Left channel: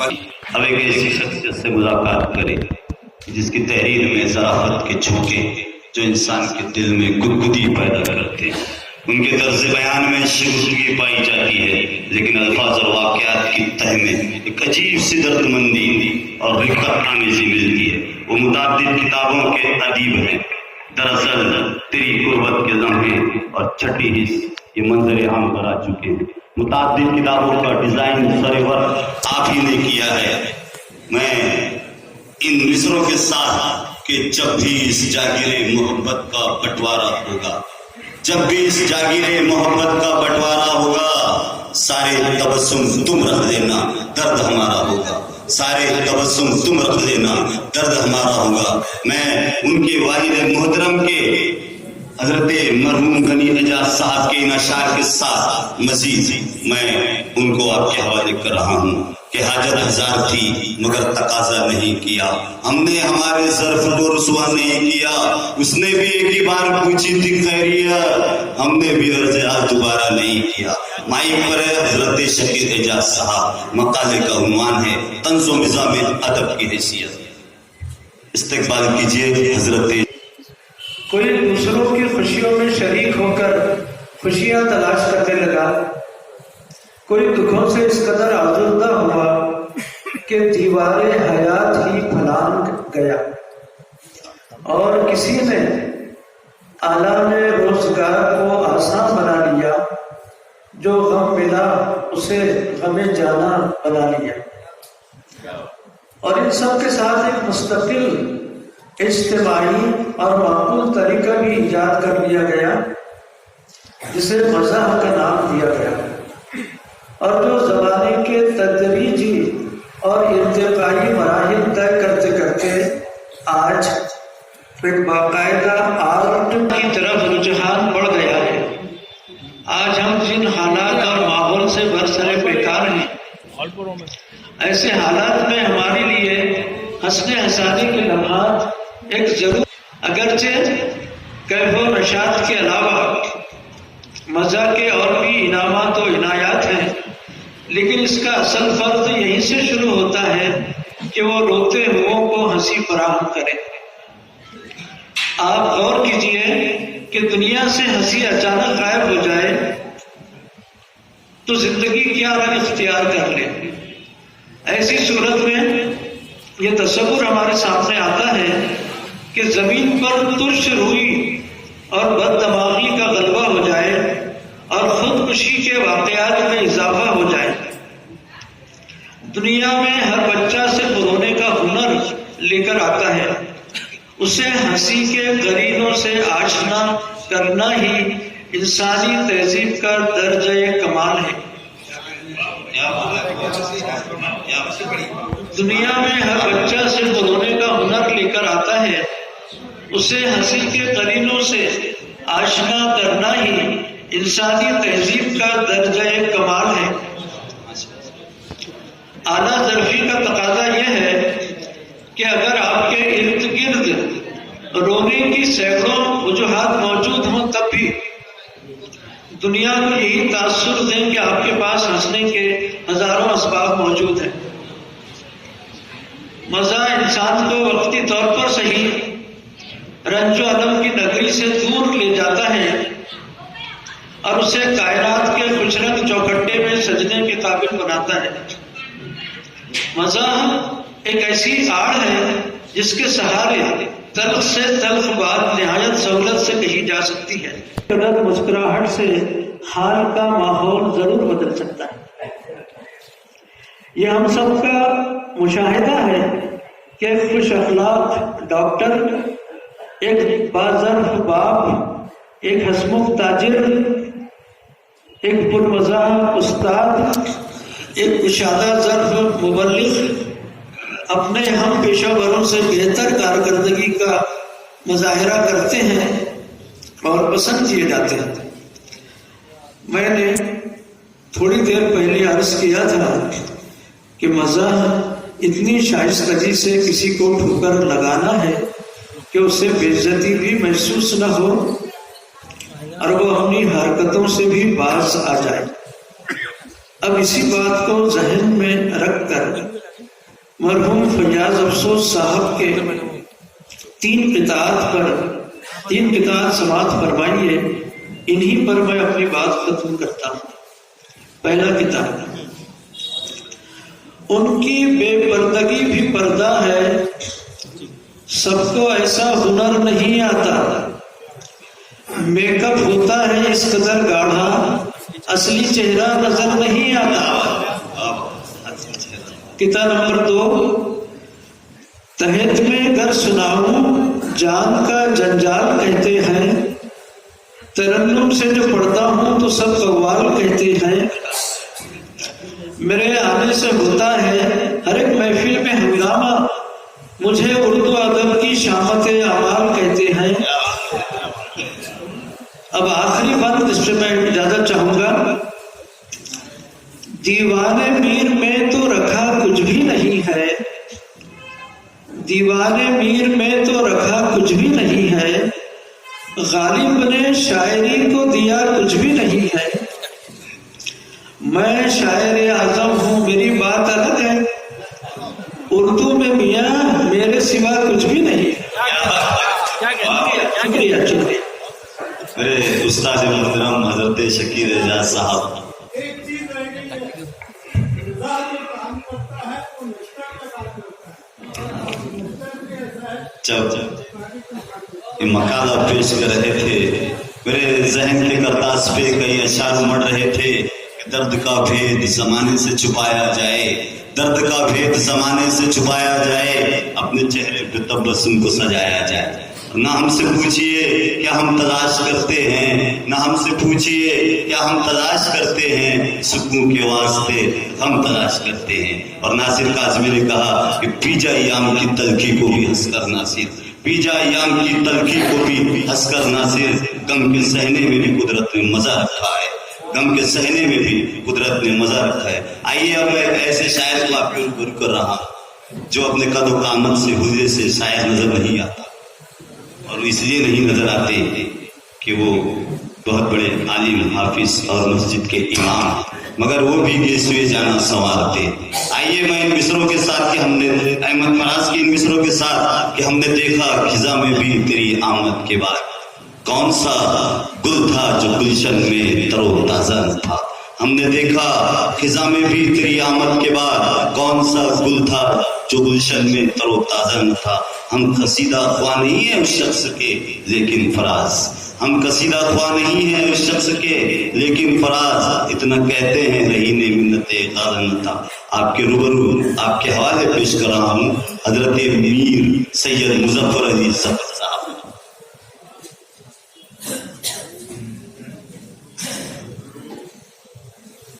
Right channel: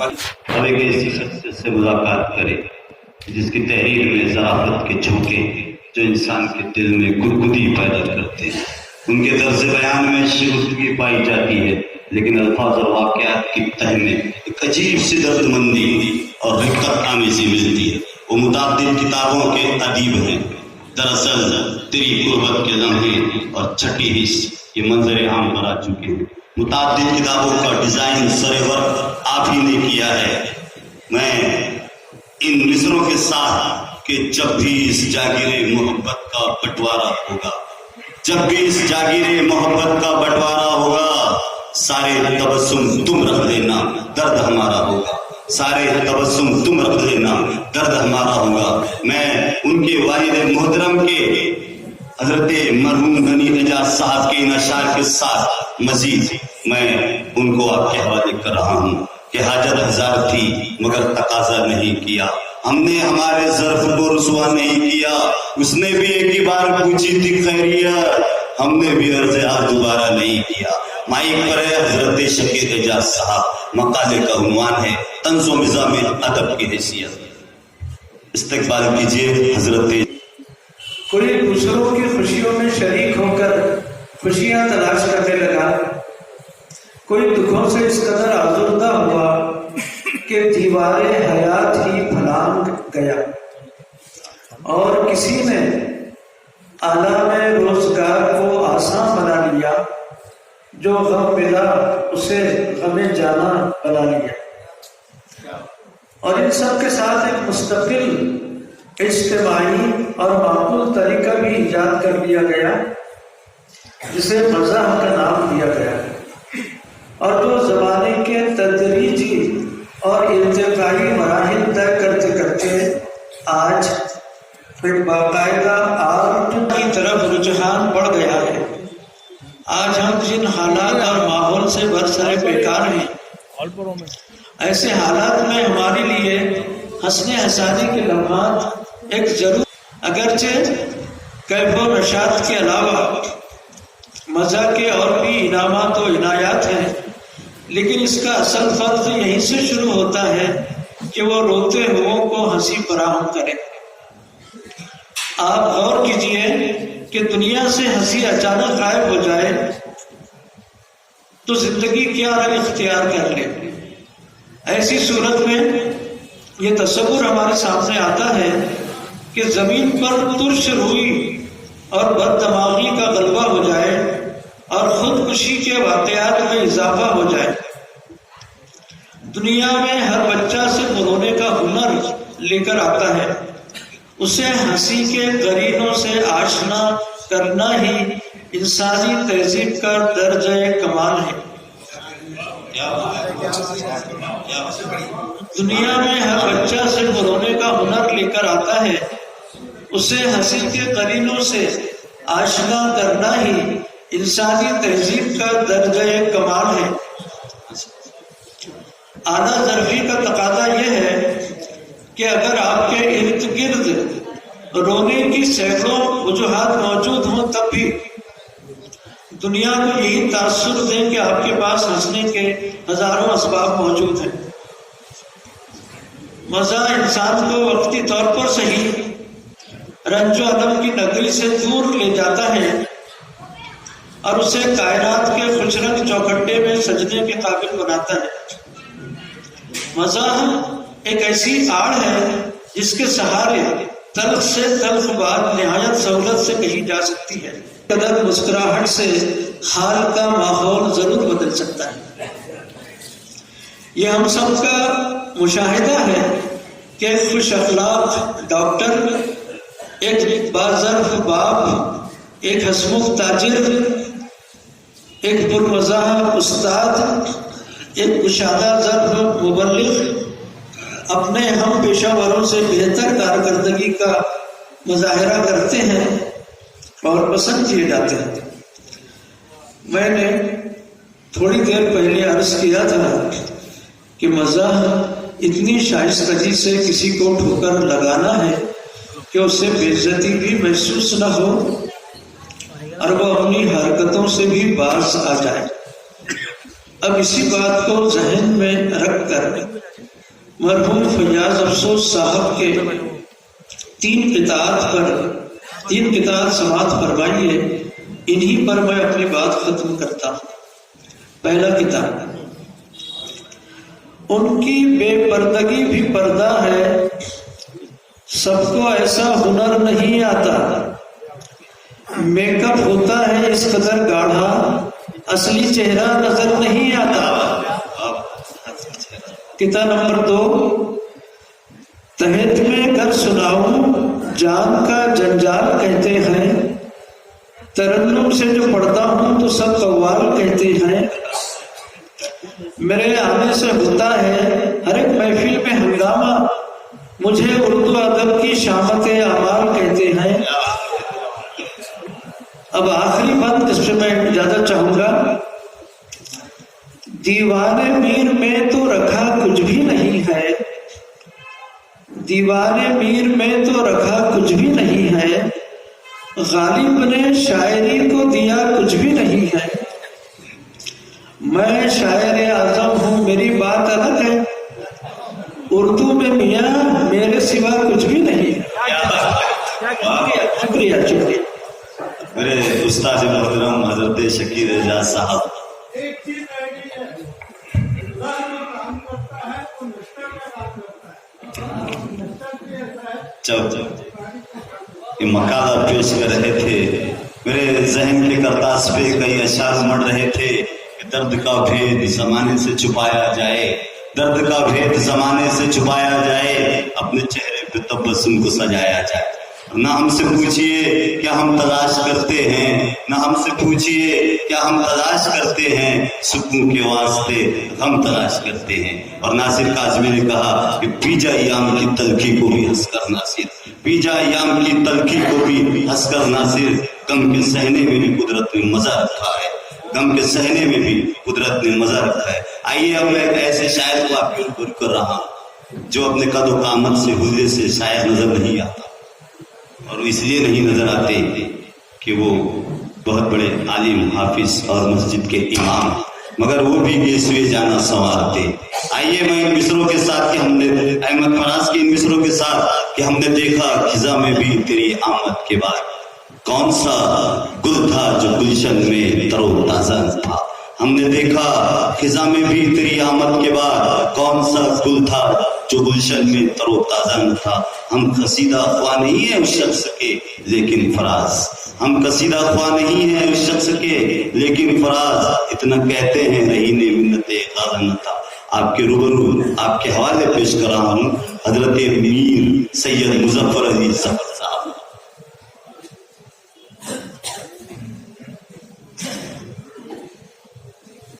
اب ایک ایسی شخصیت سے ملاقات کرے جس کی تحریر میں ذرافت کے جھونکے جو انسان کے دل میں گدگدی پیدا کرتے ہیں. ان کے طرز بیان میں شگفتگی پائی جاتی ہے، لیکن الفاظ اور واقعات کی تہ میں ایک عجیب سی درد مندی اور رقت آمیزی ملتی ہے. وہ متعدد کتابوں کے ادیب ہیں. دراصل تیری قربت کے لمحے اور چھٹی حص یہ منظر عام پر آ چکے ہیں. متعدد کتابوں کا ڈیزائن سرور آپ ہی نے کیا ہے. میں ان مصروں کے ساتھ کہ جب بھی اس جاگیر محبت کا بٹوارا ہوگا، جب بھی اس جاگیر محبت کا بٹوارا ہوگا، سارے تبسم تم رکھ دینا درد ہمارا ہوگا، سارے تبسم تم رکھ دینا درد ہمارا ہوگا. میں ان کے والد محترم کے حضرت مرحوم غنی اعجاز صاحب کے ان اشعار کے ساتھ مزید میں ان کو آپ کے حوالے کر رہا ہوں کہ حاجت ہزار تھی مگر تقاضا نہیں کیا. ہم نے ہمارے ظرف کو رسوا نہیں کیا، اس نے بھی ایک ہی بار پوچھی تھی خیریت، ہم نے بھی عرض آج دوبارہ نہیں کیا. مائک پر حضرت شکیل اعجاز صاحب، مقالے کا عنوان ہے طنز و مزاح میں ادب کی حیثیت. استقبال کیجیے حضرت. کوئی دوسروں کی خوشیوں میں شریک ہو کر خوشیاں تلاش کرنے لگا، کوئی دکھوں سے اس قدر آزردہ ہوا کہ دیوار حیات ہی پھلانگ گیا، اور کسی نے عالم روزگار کو آسان بنا لیا، جو غم ملا اسے غم جانا بنا لیا. اور ان سب کے ساتھ ایک مستقل اجتماعی اور معقول طریقہ بھی ایجاد کر دیا گیا جسے مزاح کا نام دیا گیا، اور جو زمانے کے تدریجی اور ارتقائی مراحل طے کرتے کرتے آج ایک باقاعدہ آرٹ کی طرف رجحان بڑھ گیا ہے. آج ہم جن حالات اور ماحول سے برسر پیکار ہیں، ایسے حالات میں ہمارے لیے ہنسنے ہنسانے کے لمحات ایک ضرور، اگرچہ کیف و نشاط کے علاوہ مزہ کے اور بھی انعامات و عنایات ہیں، لیکن اس کا اصل فرض یہیں سے شروع ہوتا ہے کہ وہ روتے ہوئوں کو ہنسی فراہم کرے. آپ غور کیجئے کہ دنیا سے ہنسی اچانک غائب ہو جائے تو زندگی کیا رنگ اختیار کر لے. ایسی صورت میں یہ تصور ہمارے سامنے آتا ہے کہ زمین پر ترش روئی اور بد دماغی کا غلبہ ہو جائے اور خودکشی کے واقعات میں اضافہ ہو جائے. دنیا میں ہر بچہ سے رونے کا ہنر لے کر آتا ہے، اسے ہنسی کے قرینوں سے آشنا کرنا ہی انسانی تہذیب کا درجہ کمال ہے. دنیا میں ہر بچہ سے رونے کا ہنر لے کر آتا ہے، اسے ہنسی کے قرینوں سے آشنا کرنا ہی انسانی تہذیب کا درجہ کمال ہے. اعلیٰ ظرفی کا تقاضا یہ ہے کہ اگر آپ کے ارد گرد رونے کی سینکڑوں وجوہات موجود ہوں تب بھی دنیا کو یہی تاثر دیں کہ آپ کے پاس ہنسنے کے ہزاروں اسباب موجود ہیں. مزہ انسان کو وقتی طور پر صحیح رنج و الم کی نگری سے دور لے جاتا ہے اور اسے کائنات کے خوش رنگ چوکھٹے میں سجنے کے قابل بناتا ہے. مزاح ایک ایسی آڑ ہے جس کے سہارے تلخ سے تلخ بات نہایت سہولت سے کہی جا سکتی ہے. مسکراہٹ سے حال کا ماحول ضرور بدل سکتا ہے. یہ ہم سب کا مشاہدہ ہے کہ خوش اخلاق ڈاکٹر، ایک باظرف باپ، ایک ہسمکھ تاجر، ایک پرمزاح استاد، ایک کشادہ ظرف مبلغ اپنے ہم پیشہ وروں سے بہتر کارکردگی کا مظاہرہ کرتے ہیں اور پسند کیے جاتے ہیں. میں نے تھوڑی دیر پہلے عرض کیا تھا کہ مزاح اتنی شائستگی سے کسی کو ٹھوکر لگانا ہے کہ اسے بے عزتی بھی محسوس نہ ہو اور وہ اپنی حرکتوں سے بھی باز آ جائے. اب اسی بات کو ذہن میں رکھ کر مرحوم فیاض افسوس صاحب کے 3 قطعات سماعت فرمائیے، انہی پر میں اپنی بات ختم کرتا ہوں۔ پہلا کتاب، ان کی بے پردگی بھی پردہ ہے، سب کو ایسا ہنر نہیں آتا، میک اپ ہوتا ہے اس قدر گاڑھا، اصلی چہرہ نظر نہیں آتا۔ قطعہ نمبر 2، تحت میں گر سناؤں جان کا جنجال کہتے ہیں، ترنم سے جو پڑھتا ہوں تو سب قوال کہتے ہیں، میرے آنے سے ہوتا ہے ہر ایک محفل میں ہنگامہ، مجھے اردو ادب کی شامت اعمال کہتے ہیں۔ اب آخری بات، اس پہ میں اجازت چاہوں گا۔ دیوانے میر میں تو رکھا کچھ بھی نہیں ہے، دیوانے میر میں تو رکھا کچھ بھی نہیں ہے، غالب نے شاعری کو دیا کچھ بھی نہیں ہے، میں شاعر اعظم ہوں میری بات الگ ہے، اردو میں میاں میرے سوا کچھ بھی نہیں ہے۔ شکریہ شکریہ۔ میرے استاد محترم حضرت شکیر رضا صاحب، ایک چیز رہ گئی ہے، انتظار میں کام کرتا ہے تو مشکل کا کام کرتا ہے، مشکل بھی ایسا ہے۔ جب یہ مقالہ پیش کر رہے تھے، میرے ذہن کے کرداس پہ کئی اشعار مڑ رہے تھے کہ درد کا بھید زمانے سے چھپایا جائے، درد کا بھید زمانے سے چھپایا جائے، اپنے چہرے پہ تبسم کو سجایا جائے۔ نہ ہم سے پوچھئے کیا ہم تلاش کرتے ہیں، نہ ہم سے پوچھئے کیا ہم تلاش کرتے ہیں، سکون کے واسطے ہم تلاش کرتے ہیں۔ اور ناصر کاظمی نے کہا کہ پیجا ایام کی تلخی کو بھی ہنس کر ناصر، پیجا ایام کی تلخی کو بھی ہنس کر ناصر، غم کے سہنے میں بھی قدرت نے مزہ رکھا ہے، غم کے سہنے میں بھی قدرت نے مزہ رکھا ہے۔ آئیے اب میں ایک ایسے شاعر کو آپ کے اوپر کر رہا ہوں جو اپنے قد و قامت سے حوزے سے شاعر نظر نہیں آتا، اور اس لیے نہیں نظر آتے کہ وہ بہت بڑے عالم، حافظ اور مسجد کے امام، مگر وہ بھی گیسوے جانا سنوارتے۔ آئیے میں ان مصروں کے ساتھ کہ ہم نے احمد فراز کے ان مصروں کے ساتھ کہ ہم نے دیکھا خزاں میں بھی تیری آمد کے بعد کون سا گل تھا جو گلشن میں تر و تازہ تھا، ہم نے دیکھا خزاں میں بھی تیری آمد کے بعد کون سا گل تھا جو گلشن میں تر و تازہ نہ تھا۔ ہم قصیدہ خواہ نہیں ہیں اس شخص کے لیکن فراز، ہم قصیدہ خواہ نہیں ہیں اس شخص کے لیکن فراز، اتنا کہتے ہیں رہی نے منت غار نہ تھا۔ آپ کے روبرو آپ کے حوالے پیش کر رہا ہوں حضرت میر سید مظفر علی صاحب